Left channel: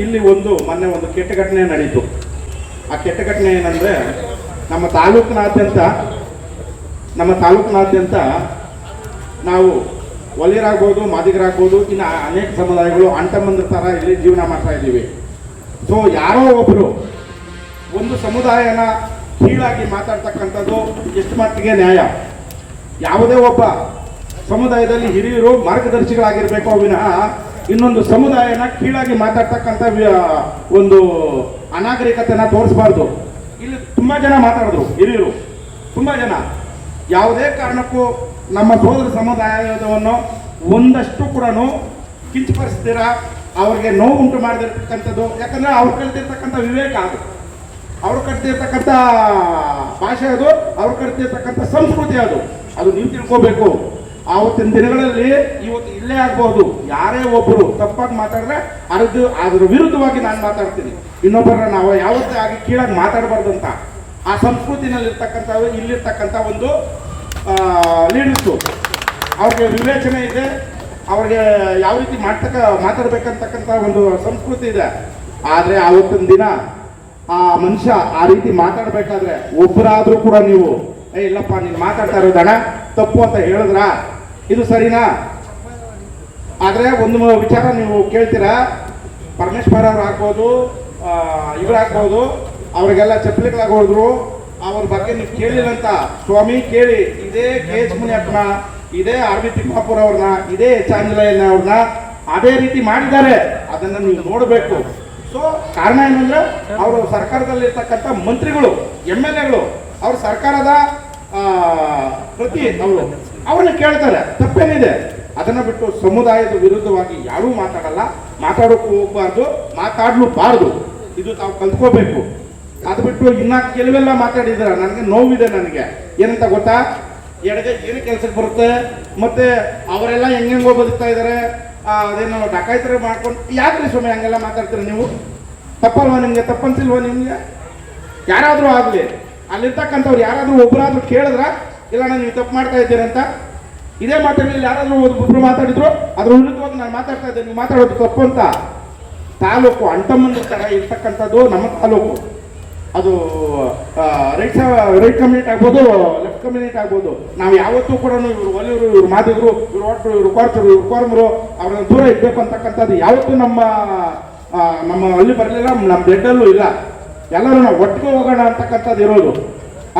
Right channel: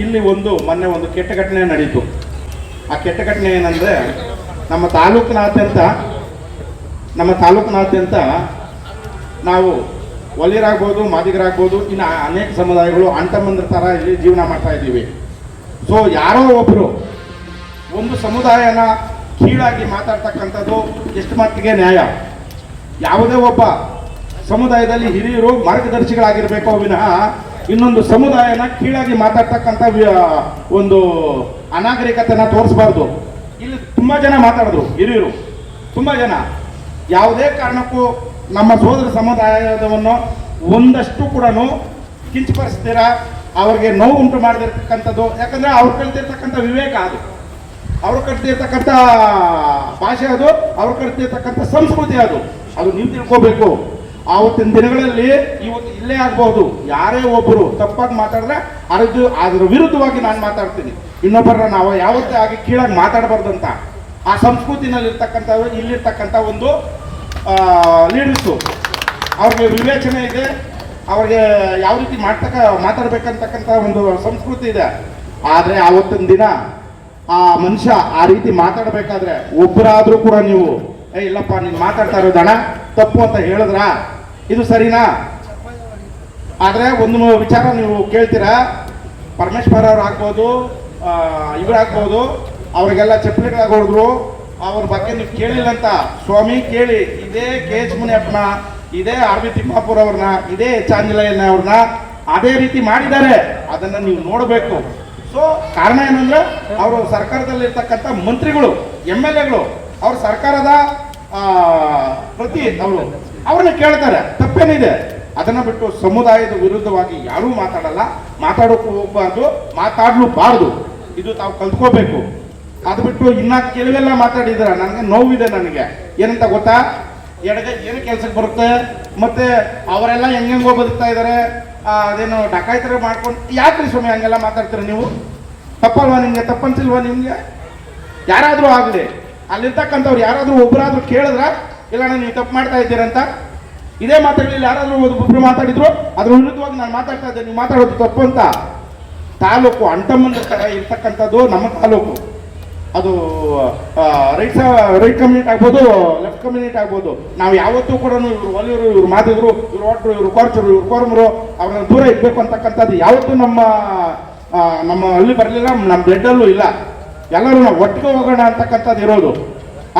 ಇಲ್ಲಿ ಮೊನ್ನೆ ಒಂದು ಕೆಟ್ಟ ಘಟನೆ ನಡೀತು. ಆ ಕೆಟ್ಟ ಘಟನೆ ಏನಂದ್ರೆ ನಮ್ಮ ತಾಲೂಕಿನಾದ್ಯಂತ ನಾವು ಒಲಿಯರಾಗ್ಬೋದು, ಮಾದಿಗರಾಗ್ಬೋದು, ಇನ್ನು ಅನೇಕ ಸಮುದಾಯಗಳು ಅಂಟಮಂದ್ರ ಥರ ಇಲ್ಲಿ ಜೀವನ ಮಾಡ್ತಾ ಇದ್ದೀವಿ. ಸೊ ಯಾರೋ ಒಬ್ಬರು ಒಂದು ಸಮುದಾಯನ ಕೀಳಾಗಿ ಮಾತಾಡ್ತಕ್ಕಂಥದ್ದು ಎಷ್ಟು ಮಟ್ಟಿಗೆ ನ್ಯಾಯ? ಯಾವುದೇ ಒಬ್ಬ ಸಮುದಾಯದಲ್ಲಿ ಹಿರಿಯರು ಮಾರ್ಗದರ್ಶಿಗಳಾಗಿರ್ಬೇಕೋ ವಿನಃ ಇನ್ನೊಂದು ಸಮುದಾಯನ ಕೀಳಾಗಿ ಮಾತಾಡ್ತಕ್ಕಂಥ ಒಂದು ಅನಾಗರಿಕತೆನ ತೋರಿಸಬಾರ್ದು. ಇಲ್ಲಿ ತುಂಬಾ ಜನ ಮಾತಾಡಿದ್ರು, ಹಿರಿಯರು ತುಂಬಾ ಜನ. ಯಾವುದೇ ಕಾರಣಕ್ಕೂ ನಮ್ಮ ಸೋದರ ಸಮುದಾಯದವನ್ನು ಒಂದಷ್ಟು ಕೂಡ ಕಿಂಚಪಡಿಸ್ತೀರ, ಅವ್ರಿಗೆ ನೋವು ಉಂಟು ಮಾಡದಿರ್ತಕ್ಕಂಥದ್ದು. ಯಾಕಂದ್ರೆ ಅವ್ರು ಕಲಿತಿರ್ತಕ್ಕಂಥ ವಿವೇಕ ಅದು, ಅವ್ರು ಕಲಿತಿರ್ತಕ್ಕಂಥ ಭಾಷೆ ಅದು, ಅವ್ರು ಕಲಿತಿರ್ತಕ್ಕಂಥ ಸಂಸ್ಕೃತಿ ಅದು ನೀವು ತಿಳ್ಕೋಬೇಕು. ಆವತ್ತಿನ ದಿನಗಳಲ್ಲಿ ಇವತ್ತು ಇಲ್ಲೇ ಆಗ್ಬಹುದು, ಯಾರೇ ಒಬ್ಬರು ತಪ್ಪಾಗಿ ಮಾತಾಡಿದ್ರೆ ಅದ್ರ ವಿರುದ್ಧವಾಗಿ ನಾನು ಮಾತಾಡ್ತೀನಿ. ಇನ್ನೊಬ್ಬರ ನಾವು ಯಾವತ್ತೇ ಆಗಿ ಕೀಳಾಗಿ ಮಾತಾಡಬಾರ್ದು ಅಂತ ಆ ಸಂಸ್ಕೃತಿನಲ್ಲಿ ಇಲ್ಲಿರ್ತಕ್ಕಂಥ ಒಂದು ಲೀಡರ್ಸು ಅವ್ರಿಗೆ ವಿವೇಚನೆ ಇದೆ, ಅವ್ರಿಗೆ ಯಾವ ರೀತಿ ಮಾತಾಡ್ಬೇಕಂತಕ್ಕಂಥ ಒಂದು ಸಂಸ್ಕೃತಿ ಇದೆ. ಆದರೆ ಆವತ್ತಿನ ದಿನ ಆ ಮನುಷ್ಯ ಆ ರೀತಿ ಮಾತಾಡಬೇಕಾದ್ರೆ ಒಬ್ಬರಾದ್ರೂ ಕೂಡ ನೀವು ಇಲ್ಲಪ್ಪ ನೀನು ಮಾತಾಡ್ತಾ ಇರೋದಣ್ಣ ತಪ್ಪು ಅಂತ ಹೇಳಿದ್ರ ಇದು ಸರಿನಾ? ಆದ್ರೆ ಒಂದು ವಿಚಾರ ನೀವು ಕೇಳ್ತೀರಾ, ಪರಮೇಶ್ವರ್ ಅವ್ರು ಆಗ್ಬೋದು, ಇವರಾಗ್ಬೋದು, ಅವ್ರಿಗೆಲ್ಲ ಚಪ್ಪಲಿಗಳಾಗೋದ್ರು, ಅವ್ರ ಬಗ್ಗೆ ನೀವು ಕೇಳಿಲ್ಲ ಅಂತ ಸ್ವಾಮಿ ಕೇಳಿ. ಇದೇ ಕೆ ಎಚ್ ಮುನಿಯಪ್ಪನ, ಇದೇ ಆರ್ ಬಿ ತಿಮ್ಮಾಪುರ ಅವ್ರನ್ನ, ಇದೇ ಎಚ್ ಆಂಜನೇಯನ ಅವ್ರನ್ನ ಅದೇ ರೀತಿ ಮಾಡಿದ್ದಾರೆ. ಅದನ್ನ ನೀವು ನೋಡಬೇಕು. ಸೊ ಕಾರಣ ಏನಂದ್ರೆ ಅವರು ಸರ್ಕಾರದಲ್ಲಿರ್ತಕ್ಕಂಥ ಮಂತ್ರಿಗಳು, MLAಗಳು ಅವ್ರ ಸರ್ಕಾರದ ಪ್ರತಿ ಅವ್ರನ್ನ ಕೇಳ್ತಾರೆ, ತಪ್ಪೇನಿದೆ? ಅದನ್ನ ಬಿಟ್ಟು ಸಮುದಾಯದ ವಿರುದ್ಧವಾಗಿ ಯಾರೂ ಮಾತಾಡಲ್ಲ, ಮಾತಾಡೋಕ್ಕೂ ಹೋಗ್ಬಾರ್ದು, ಮಾತಾಡ್ಲೂಬಾರ್ದು. ಇದು ತಾವು ಕಲ್ತ್ಕೋಬೇಕು. ಅದು ಬಿಟ್ಟು ಇನ್ನ ಕೆಲವೆಲ್ಲ ಮಾತಾಡಿದ್ರ ನನಗೆ ನೋವಿದೆ. ನನಗೆ ಏನಂತ ಗೊತ್ತಾ, ಎಡಗೈ ಏನು ಕೆಲ್ಸಕ್ಕೆ ಬರುತ್ತೆ, ಮತ್ತೆ ಅವರೆಲ್ಲ ಹೆಂಗೋ ಬದುಕ್ತಾ ಇದ್ದಾರೆ, ಅದೇನು ಡಕಾಯ್ತರ ಮಾಡ್ಕೊಂಡು. ಯಾಕ್ರಿ ಸ್ವಾಮಿ ಹಂಗೆಲ್ಲ ಮಾತಾಡ್ತೀರ ನೀವು? ತಪ್ಪಲ್ವಾ ನಿಮ್ಗೆ? ತಪ್ಪನ್ಸಿಲ್ವಾ ನಿಮ್ಗೆ? ಯಾರಾದ್ರೂ ಆಗ್ಲಿ ಅಲ್ಲಿರ್ತಕ್ಕಂಥವ್ರು ಯಾರಾದ್ರೂ ಒಬ್ಬರಾದ್ರೂ ಕೇಳಿದ್ರ ಇಲ್ಲ ನೀವು ತಪ್ಪು ಮಾಡ್ತಾ ಇದ್ದೀರಂತ? ಇದೇ ಮಾತಾಡಲಿಲ್ಲ, ಯಾರಾದ್ರೂ ಒಬ್ಬರು ಮಾತಾಡಿದ್ರು ಅದ್ರ ವಿರುದ್ಧವಾಗಿ ನಾನು ಮಾತಾಡ್ತಾ ಇದ್ದೆ, ನೀವು ಮಾತಾಡೋದು ತಪ್ಪು ಅಂತ. ತಾಲೂಕು ಅಂಟಮಂದ್ರ ತರ ಇರ್ತಕ್ಕಂಥದ್ದು ನಮ್ಮ ತಾಲೂಕು. ಅದು ರೈಟ್ ಕಮ್ಯುನಿಟಿ ಆಗ್ಬೋದು, ಲೆಫ್ಟ್ ಕಮ್ಯುನಿಟಿ ಆಗ್ಬೋದು. ನಾವು ಯಾವತ್ತೂ ಕೂಡ ಇವ್ರು ಒಲಿಯರು, ಇವ್ರು ಮಾದಿಗರು, ಇವ್ರು ಒಟ್ಟು, ಇವ್ರು ಕೋರ್ಚರು, ಇವ್ರು ಕೋರ್ಮರು, ಅವ್ರನ್ನ ದೂರ ಇಡ್ಬೇಕು ಅಂತಕ್ಕಂಥದ್ದು ಯಾವತ್ತೂ ನಮ್ಮ ಹಳ್ಳಿ ಬರಲಿಲ್ಲ, ನಮ್ಮ ಬ್ಲಡ್ಡಲ್ಲೂ ಇಲ್ಲ. ಎಲ್ಲರೂ ನಾವು ಒಟ್ಟಿಗೆ ಹೋಗೋಣ ಅಂತಕ್ಕಂಥದ್ದು ಇರೋದು.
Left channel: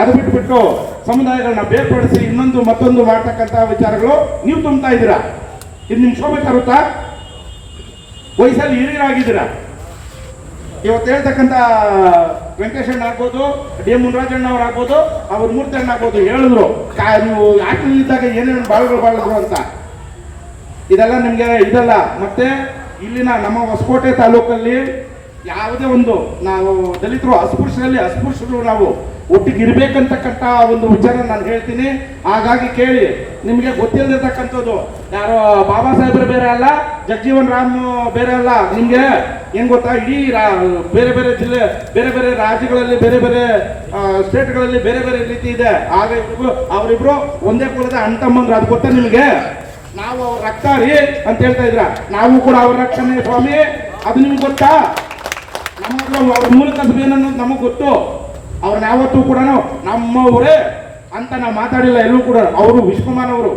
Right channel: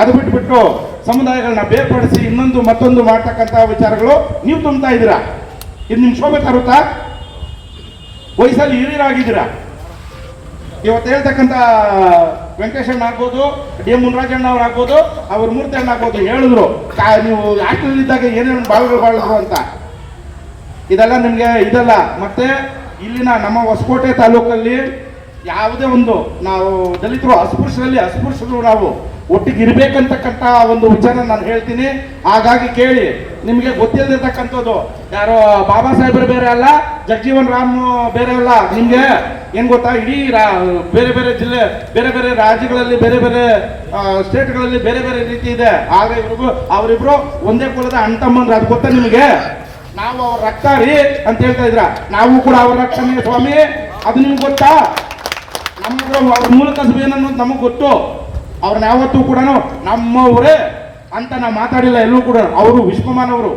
ಅದು ಬಿಟ್ಟು ಸಮುದಾಯಗಳನ್ನ ಬೇರ್ಪಡಿಸಿ ಇನ್ನೊಂದು ಮತ್ತೊಂದು ಮಾಡ್ತಕ್ಕಂಥ ವಿಚಾರಗಳು ನೀವು ತುಂಬ್ತಾ ಇದ್ದೀರಾ. ಇದು ನಿಮ್ ಶೋಭೆ ತರುತ್ತಾ? ವಯಸ್ಸಲ್ಲಿ ಹಿರಿಯರಾಗಿದ್ದೀರಾ. ಇವತ್ತು ಹೇಳ್ತಕ್ಕಂಥ ವೆಂಕಟೇಶಣ್ಣ ಆಗ್ಬೋದು, ಡಿ ಮುನ್ರಾಜಣ್ಣ ಅವ್ರು ಆಗ್ಬೋದು, ಅವ್ರ ಮೂರ್ತಿ ಅಣ್ಣ ಆಗ್ಬೋದು, ಹೇಳಿದ್ರು ನೀವು ಆಟದಲ್ಲಿದ್ದಾಗ ಏನೇನು ಬಾಳುಗಳು ಅಂತ. ಇದೆಲ್ಲ ನಿಮ್ಗೆ ಇದಲ್ಲ. ಮತ್ತೆ ಇಲ್ಲಿನ ನಮ್ಮ ಹೊಸಕೋಟೆ ತಾಲೂಕಲ್ಲಿ ಯಾವುದೇ ಒಂದು ನಾವು ದಲಿತರು ಅಸ್ಪೃಶ್ಯರು ನಾವು ಒಟ್ಟಿಗೆ ಇರ್ಬೇಕಂತಕ್ಕಂಥ ಒಂದು ವಿಚಾರ ನಾನು ಹೇಳ್ತೀನಿ. ಹಾಗಾಗಿ ಕೇಳಿ, ನಿಮಗೆ ಗೊತ್ತಿಲ್ಲದಿರ್ತಕ್ಕಂಥದ್ದು ಯಾರೋ ಬಾಬಾ ಸಾಹೇಬರು ಬೇರೆ ಅಲ್ಲ, ಜಗಜೀವನ್ ರಾಮ್ ಬೇರೆ ಅಲ್ಲ. ನಿಮ್ಗೆ ಏನ್ ಗೊತ್ತಾ, ಇಡೀ ಬೇರೆ ಬೇರೆ ಜಿಲ್ಲೆ, ಬೇರೆ ಬೇರೆ ರಾಜ್ಯಗಳಲ್ಲಿ, ಬೇರೆ ಬೇರೆ ಸ್ಟೇಟ್ಗಳಲ್ಲಿ ಬೇರೆ ಬೇರೆ ರೀತಿ ಇದೆ. ಆದ್ರೆ ಅವರಿಬ್ರು ಒಂದೇ ಕುಲದ ಅಣ್ತಮ್ಮಂದ್ರು. ಅದು ಗೊತ್ತಾ ನಿಮಗೆ? ನಾವು ಅವ್ರ ರಕ್ತ ರೀ ಅಂತ ಹೇಳ್ತಾ ಇದ್ರ, ನಾವು ಕೂಡ ಅವ್ರ ರಕ್ತನೇ ಸ್ವಾಮಿ. ಅದು ನಿಮ್ಗೆ ಗೊತ್ತಾ? ಅವ್ರ ಮೂಲ ಕಸಬು ಏನನ್ನೋದು ನಮಗ್ ಗೊತ್ತು. ಅವ್ರನ್ನ ಯಾವತ್ತೂ ಕೂಡ ನಮ್ಮವರೇ ಅಂತ ನಾವು ಮಾತಾಡಿಲ್ಲ ಎಲ್ಲೂ ಕೂಡ. ಅವರು ವಿಶ್ವಮಾನವರು,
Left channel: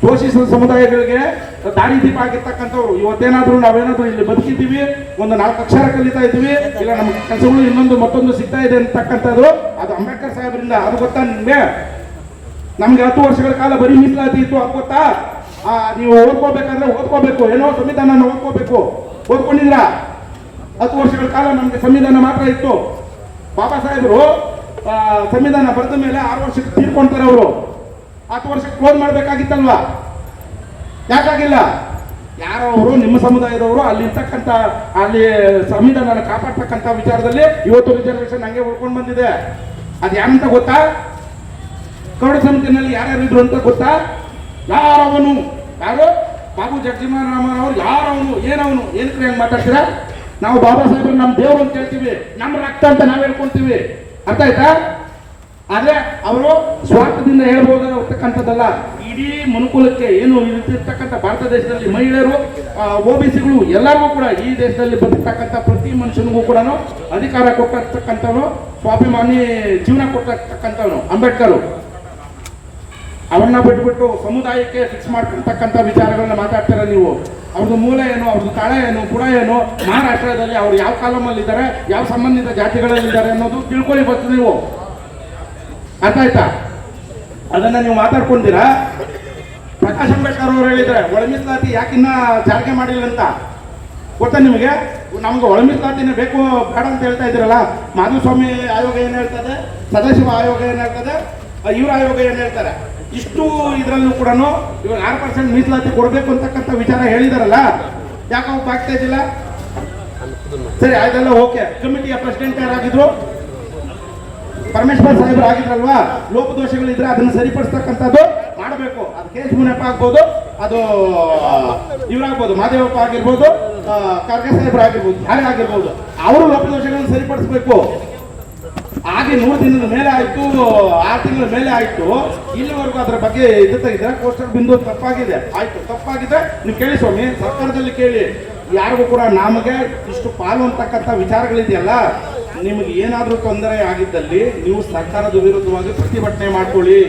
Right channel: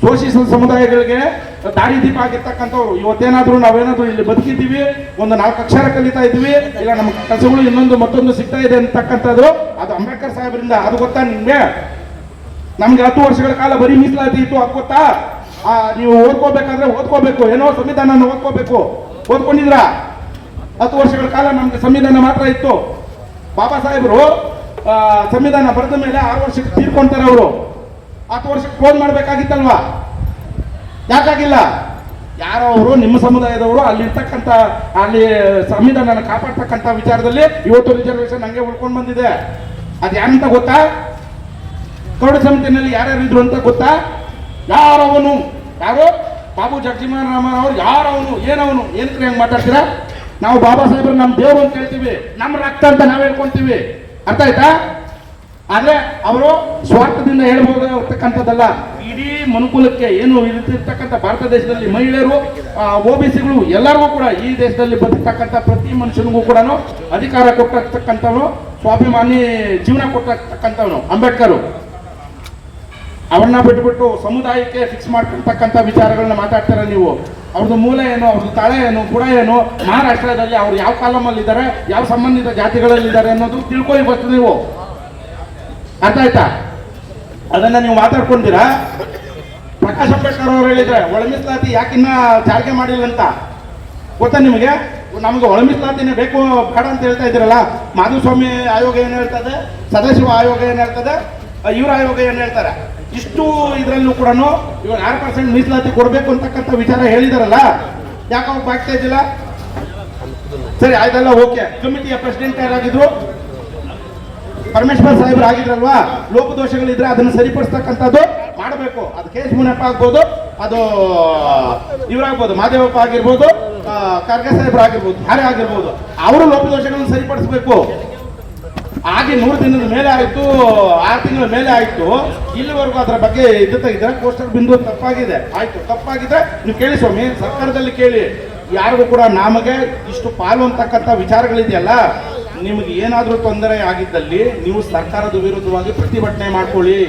ಶೋಷಿಸಿದ ಸಮುದಾಯಗಳಿಗೆ ದಾರಿ ದೀಪ ಆಗಿರ್ತಕ್ಕಂಥವ್ರು. ಇವತ್ತೇನಾದ್ರೂ ನಾವೇನಾದ್ರೂ ಇಲ್ಲಿ ಬದುಕಿದ್ದೀವಿ, ಒಂದು 4 ಅಕ್ಷರ ಕಲಿತಾ ಇದ್ದೀವಿ, ಇಲ್ಲ ನಮ್ಮ ಕೆಲಸಗಳು ಇನ್ನೊಂದು ಮತ್ತೊಂದು ಸಿಗ್ತಾ ಇದೆ ಅಂತಕ್ಕಂಥದ್ದು ಅದು ಅಂಬೇಡ್ಕರ್ ಸಾಹೇಬರಿಂದ. ಅದು ಗೊತ್ತಾ ನಿಮ್ಗೆ? ನಮ್ಗೆ 10 ವರ್ಷಗಳ ಕಾಲ ಬರೀ ಮೀಸಲಾತಿ ಇತ್ತು, ಅದು ಗೊತ್ತಾ? ನೀವು ಓದ್ಕೋಬೇಕಾದ್ರೆ ಓದ್ಕೋಬೇಕು, ಏನೋ ಸಂವಿಧಾನ ಓದ್ಕೋಬೇಕು. ಓದ್ಕೊಂಡಿದ್ರ? 10 ವರ್ಷಗಳ ಕಾಲ ನಮ್ಗೆ ಸಂವಿಧಾನ ಮಾತ್ರ ಇತ್ತು. ಬಾಬಾ ಸಾಹೇಬರು ಸಂವಿಧಾನ ಬರೆದ ಮೇಲೆ 6 ವರ್ಷಕ್ಕೆ ತೀರ್ಕೊಂತಾರೆ. ಅವರು 10 ವರ್ಷಕ್ಕೆ ಕ್ಲೋಸ್ ಮಾಡ್ಬೇಕಾಗಿತ್ತಲ್ವಾ? ಯಾಕಾಗಿಲ್ಲ? ಯಾರೋ ಅವರು ನಿಮ್ಮ ಸಮುದಾಯದವರು ಅಲ್ಲಿರ್ತಕ್ಕಂಥ ಅಲ್ಲಿ ಸಂವಿಧಾನ ಕಾಪಾಡ್ತಕ್ಕಂಥ ವಿಚಾರದಲ್ಲಿ ಇವತ್ತು ರಿಸರ್ವೇಶನ್ ಹಂಗೆ ಉಳ್ಕೊಂಡು ಬಂದಿದೆ. ಅದು ಯಾರಂತ ಗೊತ್ತಾ? ಕರಡ ಸಮಿತಿನಲ್ಲಿ ಯಾರ್ಯಾರು ಇದ್ರು ಅಂತ ಗೊತ್ತಾ? ಯಾರು ಬಾಬು ಜಗಜೀವನ್ ರಾಮ್ ಅವರು ಯಾರವನು, ಏನವನು, ಏನಕ್ಕೆ ಹೆಂಗ್ ಮಾತಾಡ್ತೀರಾ? ನಾವು ಬಾಬಾ ಸಾಹೇಬ್ರು ನಮ್ಮ ದೇವರು ಅಂತ ಹೇಳ್ತೀವಿ, ನಮ್ಮ ರಕ್ತ ಅಂತ ನಾವು ಹೇಳ್ಕೊಂತೀವಿ. ಅರ್ಥ ಆಯ್ತಾ? ಆದ್ರೆ ಅವರು ಸ್ವಾರ್ಥದಿಂದ ಹೇಳ್ಬೋದಾಗಿರ್ತಕ್ಕಂಥದ್ದಲ್ಲ. ಈ ಇಡೀ ಮನುಕುಲಕ್ಕೆ ಏನು ಇರ್ತಕ್ಕಂಥ ಭಾರತ ದೇಶದಲ್ಲಿ ಮಹಿಳೆಯರು, OBCಗಳು ಎಲ್ಲರಿಗೂ ಕೂಡ ಈ ದೇಶದಲ್ಲಿ ಬದುಕ್ತಕ್ಕಂಥ ಪ್ರತಿ ಮನುಷ್ಯನಿಗೂ ಕೂಡ ಅಧಿಕಾರ ಕೊಟ್ಟಿರ್ತಕ್ಕಂಥವನು, ಸ್ವಾಭಿಮಾನಿ ಜೀವನ ಕೊಟ್ಟಿರ್ತಕ್ಕಂಥವನು ಅಂಬೇಡ್ಕರ್. ಅವ್ರನ್ನ ಬಿಟ್ಬಿಟ್ಟು ಸಮುದಾಯಕ್ಕೆ ಫಿಕ್ಸ್ ಮಾಡ್ತಿರ್ತಕ್ಕಂಥ ವಿಚಾರಗಳನ್ನ ಮಾತಾಡ್ತಾರೆ ನೀವು. ಅವ್ರದ್ದು ಮೂಲ ಏನು, ಅವ್ರದ್ದು ತಳ ಏನು, ಬುಡ ಏನು, ಮಹಾರಾಷ್ಟ್ರದಲ್ಲಿ ಅವ್ರು ಯಾವ ಕಾಲಮಲ್ಲಿ ಇದ್ದಾರೆ, ಯಾವ ಸಂಬಂಧಿತ ಜಾತಿಗಳಲ್ಲಿ ಇದ್ದಾರೆ ಅನ್ನೋದು ತಿಳ್ಕೊಳ್ಳಿ ಬರ್ತೀವಿ ನೀವು. ಅರ್ಥ ಆಯ್ತಾ? ಅದನ್ನ ನೀವು ಮಾತಾಡ್ಕೊಂತೀರಾ. ಪ್ರಕಾಶ್ ಅಂಬೇಡ್ಕರ್ ಅವರು ಹೇಳಿದ್ರೆ ಒಳ ಮೀಸಲಾತಿ ಯಾಕಿನ್ನ ಜಾರಿಗೆ ಮಾಡಿಲ್ಲ ಅಂತ ಗೊತ್ತಾ ನಿಮಗೆ? ನಮಗೆ ಒಳ ಮೀಸಲಾತಿನೇ ಬೇಕು ಬೇಡ ಅಂತ ಹೇಳ್ತಾ ಇದ್ದೀರಲ್ಲ. ಮಾಧುಸ್ವಾಮಿ ಆಯೋಗ ಏನು ಹೇಳ್ತದೆ, ಸದಾಶಿವ ಆಯೋಗ ಏನು ಹೇಳ್ತದೆ, ಇವ್ರ ಆಯೋಗ ಏನು ಹೇಳ್ತಾರೆ. ಇಷ್ಟು ಇದರಲ್ಲೂ ಕೂಡ ಇವಾಗ 6% ಮೀಸಲಾತಿ ಕೊಡಬೇಕು ಅಂತಕ್ಕಂಥ ವಿಚಾರ ಹೇಳಿದಾರಲ್ಲ, ಯಾಕೆ ಅವ್ರು ಆಗ್ತಾ ಇದ್ದಿಲ್ಲ? ಸರಿ ಆಯ್ತಲ್ಲ, ಓಕೆ. ಕಮಿಟಿಯ ಪ್ರೆಸಿಡೆಂಟ್ ಯಾರಾಗಿದ್ರು? ಪರಮೇಶ್ವರ್ ಸಾಹೇಬ್ರು ಆಗಿದ್ರಲ್ವಾ? ಲೋಪದೋಷಗಳಿದ್ರೆ ಅದನ್ನು ಸರಿಪಡಿಸ್ತಕ್ಕಂಥದ್ದು ಮಾಡಬೇಕು. ಅದು ಕೆ ಎಸ್ ಮುನಿಯಪ್ಪ ಆಗ್ಬೋದು, ಅದು ಇವರಾಗ್ಬೋದು, ಮಾದೇವಪ್ಪ ಆಗಿರ್ಬೋದು, ಖರ್ಗೆ ಸಾಹೇಬ್ರು ಆಗಿರ್ಬೋದು, ಯಾರೇ ಆಗಿರ್ಬೋದು, ಅವರು ಲೋಪದೋಷಗಳನ್ನು ಸರಿಪಡಿಸಬೇಕು. ಹಾಗೆ 100 ದಿನದ ಮೇಲೆ ಆಯ್ತು, 6 ತಿಂಗಳ ಮೇಲೆ ಆಯ್ತು, ಇಲ್ಲಿವರೆಗೂ ಅದರ ಬಗ್ಗೆ ಇದು ತೆಗೆದ್ರೆ ಕೋಸ್ಟಲ್ ಬಿಂದು ತಪ್ಪಾಗಿದೆ. ಆಯ್ತು, ತಪ್ಪಾಗಿದೆ, ನೀವು ಕೇಳಿ ಸ್ವಾಮಿ, ಸರ್ಕಾರದಲ್ಲಿ ಕೇಳಿ. ಯಾರಿಗೂ ಕೂಡ ನಮಗೆ ಇಷ್ಟು ಪಾಲು ಅಂತಕ್ಕಂಥ ವಿಚಾರಗಳಿದೆಯಲ್ಲ, ನಿಮಗೆ ಏನಾದರೂ ತೊಂದರೆ ಆಗಿದ್ದಲ್ಲಿ ನೀವು ಸರ್ಕಾರದ ವಿರುದ್ಧವಾಗಿ ಪ್ರತಿಭಟನೆ ಮಾಡ್ಕೊಳ್ಳಿ.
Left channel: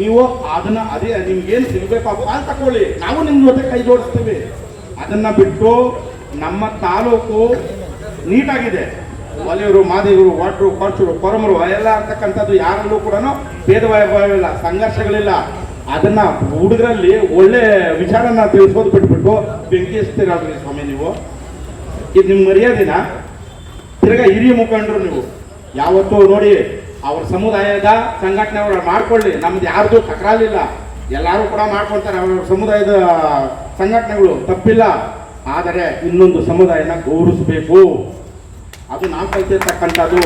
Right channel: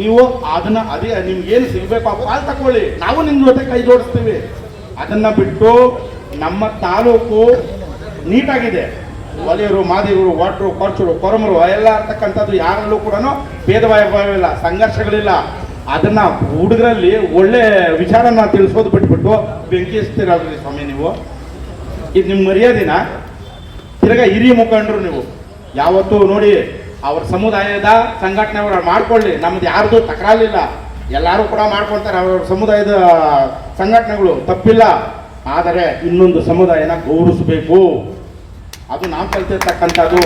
ನೀವು ಅದನ್ನ ಅದೇ ನಿಮ್ಗೇನು ಸಿಗಬೇಕು ಆ ಪಾಲು ತಗೊಳ್ಳಿ, ನಾವು ನಿಮ್ಮ ಜೊತೆ ಕೈ ಜೋಡಿಸ್ತೀವಿ. ಅದನ್ನ ಬಿಟ್ಟು ನಮ್ಮ ತಾಲೂಕು ನೀಟಾಗಿದೆ. ಒಲಿಯರು, ಮಾದಿಗರು, ವಾಟ್ರು, ಕೊರ್ಚರು, ಕೊರಮರು ಎಲ್ಲ ಅಂತಕ್ಕಂಥದ್ದು ಯಾರಲ್ಲೂ ಕೂಡ ಭೇದ ಭಾವವಿಲ್ಲ, ಸಂಘರ್ಷಗಳಿಲ್ಲ. ಅದನ್ನ ಹುಡುಗರಲ್ಲಿ ಒಳ್ಳೆ ವಿಚಾರನ ತಿಳಿಸೋದು ಬಿಟ್ಬಿಟ್ಟು ಬೆಂಕಿ ಹಚ್ತೀರಾದ್ರಿ ಸ್ವಾಮಿ ನೀವು. ಇದು ನಿಮ್ಮ ಮರ್ಯಾದಿನ? ತಿರ್ಗಾ ಹಿರಿಯ ಮುಖಂಡರು ನೀವು ಯಾವತ್ತೂ ನೋಡಿ ಅವ್ರ ಸಮುದಾಯದ ಸಂಘಟನೆ ಅವರು ಮಾಡ್ಕೊಳ್ಳಿ, ನಮ್ದು ಯಾರ್ದು ತಕರಾಲಿಲ್ಲ, ಎಲ್ಲರೂ ಕೂಡ ಮಾಡ್ಕೊಳ್ತಾರೆ ಅವ್ರವ್ರ ಸಮುದಾಯದ ಸಂಘಟನೆಗಳು, ತಪ್ಪಿಲ್ಲ. ಆದರೆ ಇನ್ನೊಂದು ಸಮುದಾಯನ ಗೌರವಿಸಬೇಕು, ಅದು ನಾವು ಕಲ್ತಿರ್ತಕ್ಕಂಥದ್ದು.